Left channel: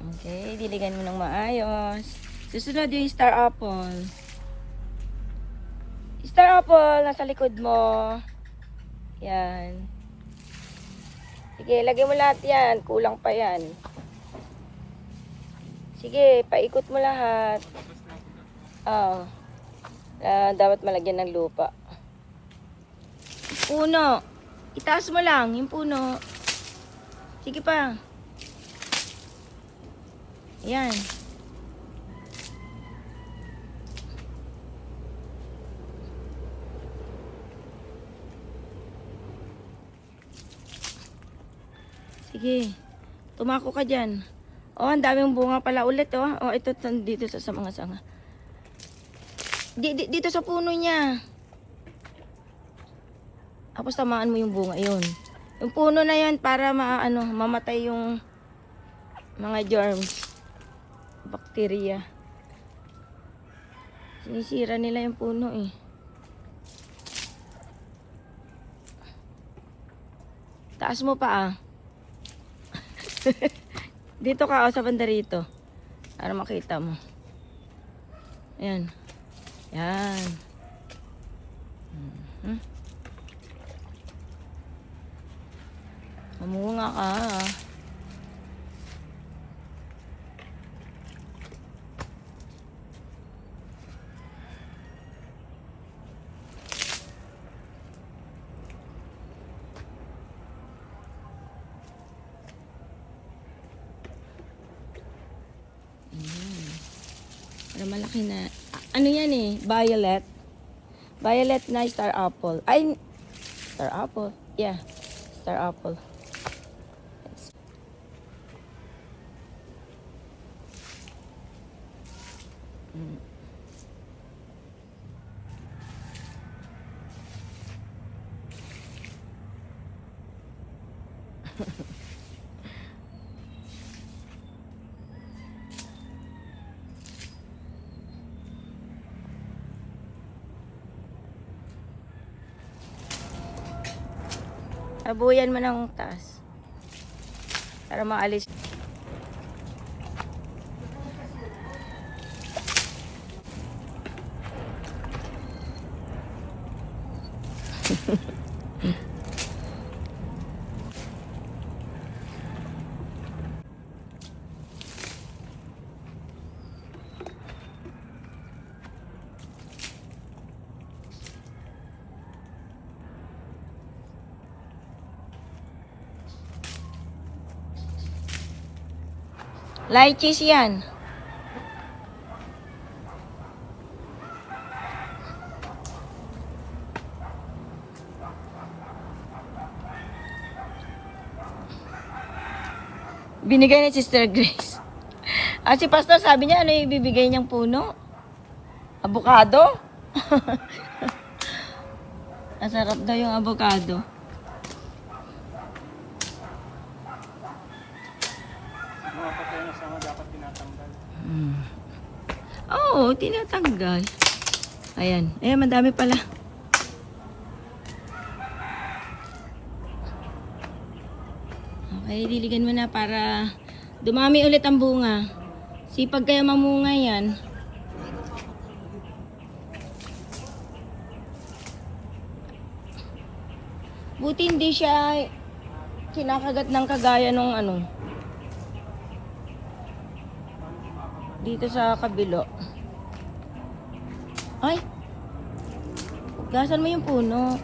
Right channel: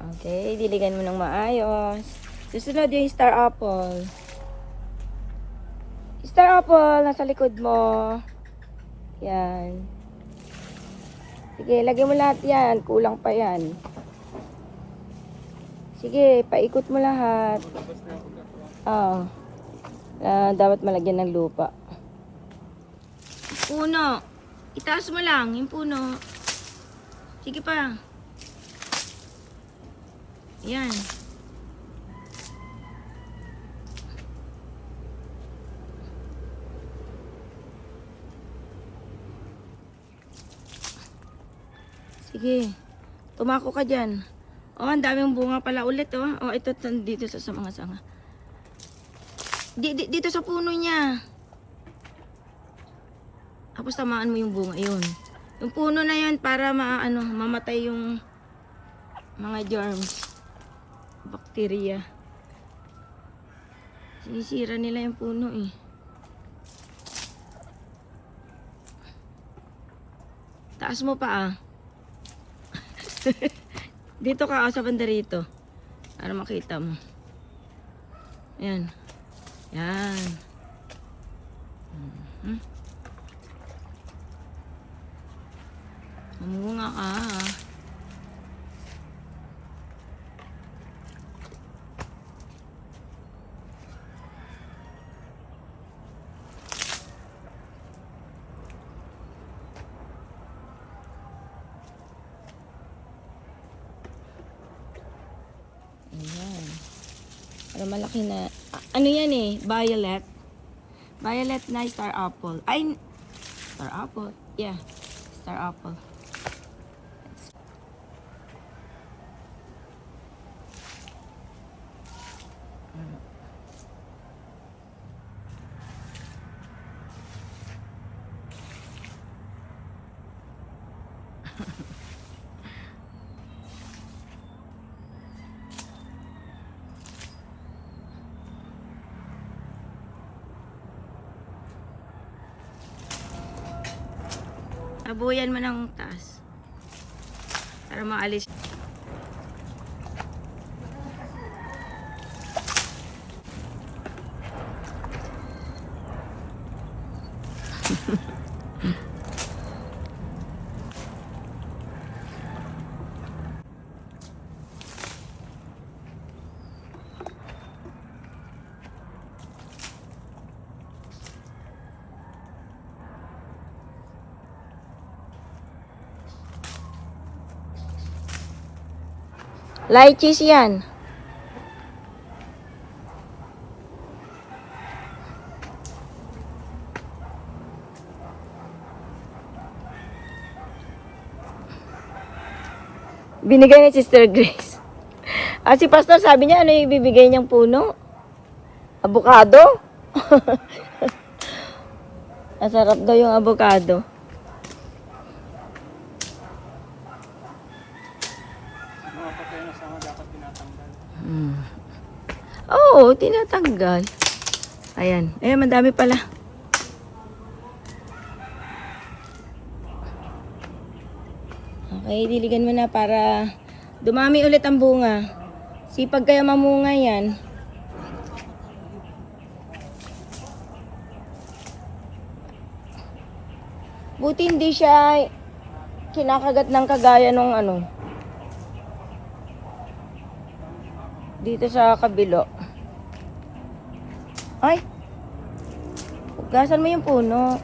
Okay, diligan mo ng maayos. Susunod yung star apple. Star apple, nasa likod mo. Yan. Sige, lagay mo lahat yan. Kulang pa yan. Sige, paikot mo lahat. Dapat malagyan ng lupa. Puno. Itaas mo lang yung puno. Sige pa. Yan. Sige. Tumako ka dyan. Oh, ang daming bunga pala ulit, oh. Oh, ito dito sa mga sanga. Dito sa puno niya. Tapos tamaan mo yung bunga, yun. Yung puno na yan para mamatay yung mga germs, bacteria. Sinisira nila yung puno eh. Taas mo pa ah. Dito ka sa banda rito. Para makita mo. Ayan. Yan. Mamunga ka. Ayan. Para malaki na. Ano yan eh? Violet. Violet na star apple. Ay, star apple. Yeah. Star apple. Tabuyan mo ng taas. Para maalis. Lychees yan. Binigay ni Sister Grace. Si Pastor sabi niya, ano yung ibibigay niyang puno? Avocado? Masarap daw yung avocado. Mga patay na sama dapat tinatanggal. Oo, tinatanggal. Ayan. Ayan, madami pala. Okay, diligan mo na para dumami ulit ang bunga. Sipag kaya mamunga yan. Buti hindi siya kinakagat ng kagaya nung dito sa kabilo. Ay! Gasan mo yung puno.